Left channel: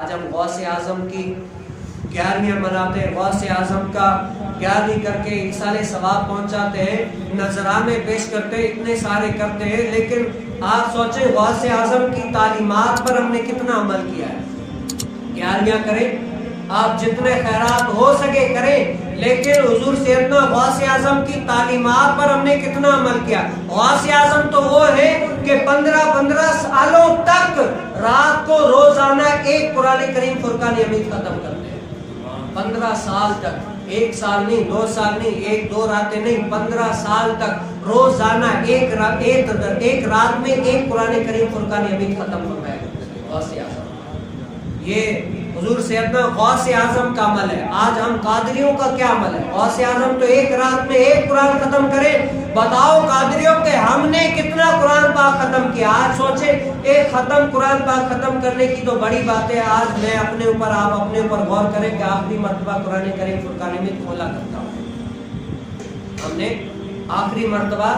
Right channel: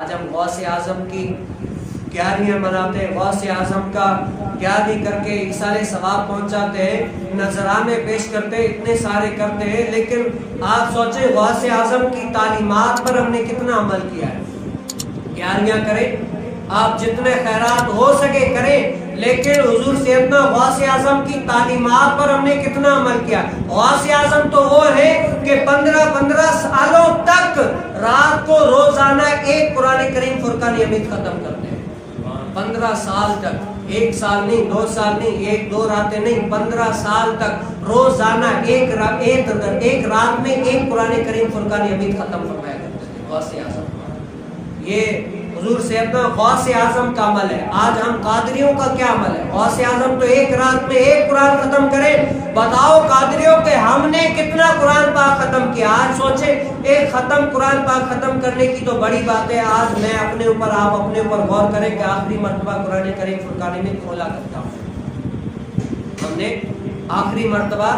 آج ہم غوث اعظم کی گیارہویں مناتے ہیں، غوث اعظم کا 11ویں کر کے سارے ثواب پہنچاتے ہیں، نذرانے پیش کرتے ہیں، اتنے سارے کرتے ہیں، لیکن آج سوچیں غوث اعظم کی تعلیمات پر ہم نے کتنا عمل کیا ہے۔ 11ویں کریں، آپ جتنے خیرات ہو سکے کریں، لیکن حضور سیدنا غوث اعظم کی تعلیمات پر ہم نے کتنا عمل کیا۔ غوث اعظم تو وہ ہے کہ 15 سالوں تک رات کو روزانہ ایک قرآن کریم فرقان حمید ختم کرتے ہیں۔ 15 سال تک، 1 سال نہیں، 2 سال نہیں، 1-2 راتیں نہیں، 15 سال تک روزانہ ایک رات میں ایک قرآن کریم فرقان حمید ختم فرمایا غوث اعظم۔ یہ حضور سیدنا غوث اعظم کا عمل ہے۔ آج ہم قادریوں کا کیا عمل ہے؟ غوث اعظم تو ایک رات میں ایک قرآن ختم کرے، بتاؤ قادریوں کہ ہم نے کتنا قرآن پاک ختم کیا۔ آج سوچے ایک قرآن پاک ختم کرنے کی تو بڑی بات ہے، آج میں اپنے اوپر، آپ اپنے اوپر غور کریں کہ آخری مرتبہ قرآن کریم فرقان حمید کھولا کرتا ہوں۔ ہم نے آخری مرتبہ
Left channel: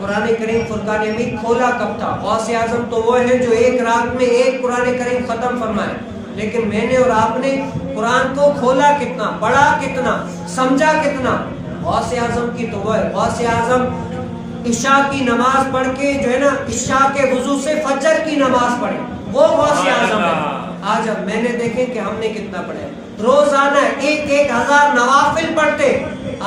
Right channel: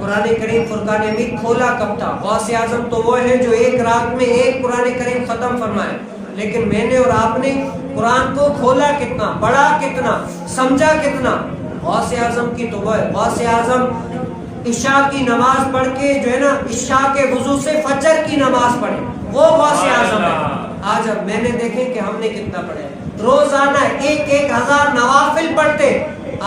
قرآن کریم فرقان حمید کھولا کب تھا؟ غوث اعظم تو وہ ہے جو ایک رات میں ایک قرآن کریم ختم فرمائے، لیکن میں نے اور آپ نے قرآن کو کھولا کتنا، پڑھا کتنا، سمجھا کتنا؟ غوث اعظم کی تو وہ ہے۔ غوث اعظم عشاء کی نماز پڑھ کے جو ہے نا، عشاء کے وضو سے فجر کی نماز پڑھے، وہ غوث اعظم ہے۔ آج ہم میں نے دیکھیں کہ ہم نے کتنا پڑھے، روزانہ 1000 نوافل پڑھتے۔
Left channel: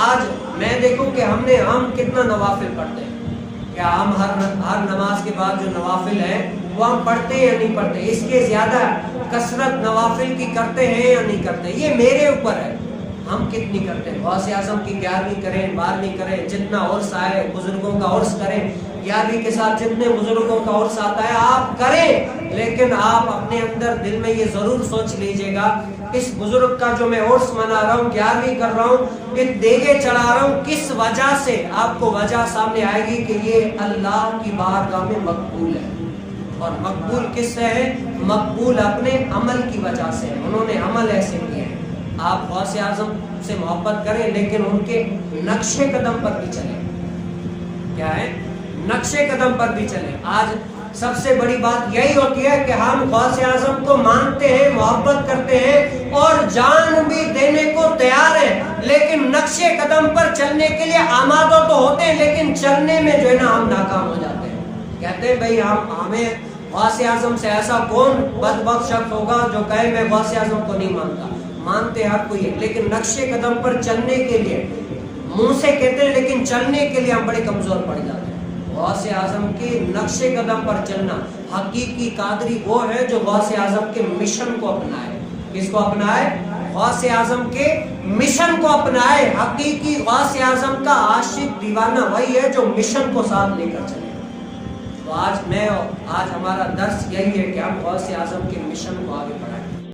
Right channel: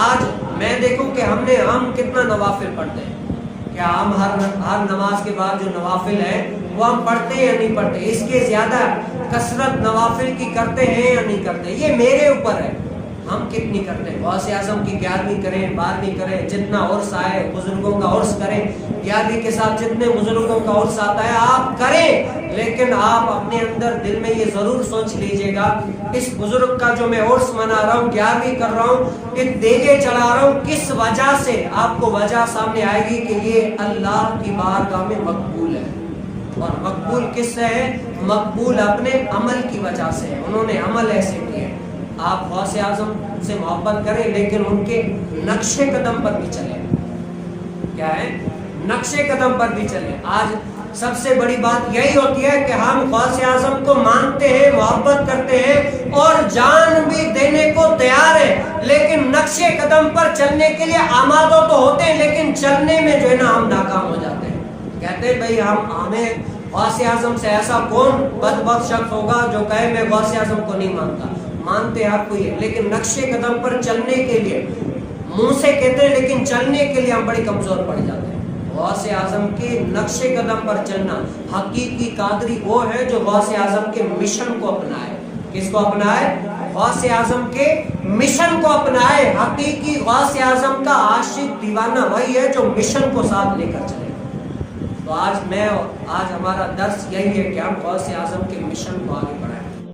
آج میں دیکھوں کہ ہم کتنا نوافل پڑھتے ہیں۔ کیا ہم ہر نماز کے بعد جو نوافل ہے وہ ہم پڑھتے یا نہیں پڑھتے؟ اس کے زیادہ کثرت نوافل کی کرتے ہیں یا نہیں کرتے؟ یہ میرے اوپر ہے، ہم کتنی کرتے ہیں۔ غوث اعظم کی 11ویں کریں، 12ویں کریں، جتنا عرس آئے بزرگوں کا عرس کریں، 11ویں کے ساتھ جتنے بزرگوں کا عرس آتا ہے آپ کریں، لیکن آپ اپنے اندر دل میں یہ ضرور سوچ لیجئے گا، اس بزرگ کا جو میں عرس منا رہا ہوں، 11ویں کر رہا ہوں، دیگے چڑھا رہا ہوں، کس وجہ سے؟ آپ کو وجہ سامنے آئے گی کہ یہ اللہ کی بارگاہ میں مقبول ہے۔ اور مقبول کس سے ہے؟ مقبول اپنے عمل کی وجہ سے، انہوں نے عمل ایسے کیے۔ آپ غوث اعظم سے محبت کریں، لیکن ان کے نقش قدم پر بھی چلیں۔ کیا ہے؟ نقش قدم پر بھی چلیں۔ آج سب سے بڑی بات یہی ہوتی ہے کہ ہم غوث اعظم کو مانتے ہیں، محبت کرتے ہیں اور جان بھی دینے کو تیار ہیں، لیکن نقش قدم پر چلنے کے لیے آمادہ تو ہوتے ہیں، لیکن چلنے میں جو ہے نا ہم ناکام ہو جاتے ہیں۔ کہتے ہیں بھائی ہمیں غوث اعظم سے ایسا کون بدبخت شخص ہوگا جو کہے میں غوث اعظم کو نہیں مانتا؟ مانتے ہر کوئی ہے، لیکن نقش قدم پر چلنے کے لیے منہ سے کہتے ہیں، لیکن چلنے کے لیے ہم بڑی کمزور پڑ جاتے ہیں۔ غوث اعظم کی نقش قدم پر چلنا، حقیقی قادری وہ ہے جو غوث اعظم کے مشن کو اپنائے۔ کس کو اپنائے؟ غوث اعظم کے مشن کو اپنائے۔ حقیقی غوث اعظم کا عاشق دیوانہ وہی ہے جو مشن کو ساتھ لے کر چلے۔ تو آج ہمارا درس یہی ہے کہ ہم غوث اعظم کے مشن کو آگے بڑھائیں۔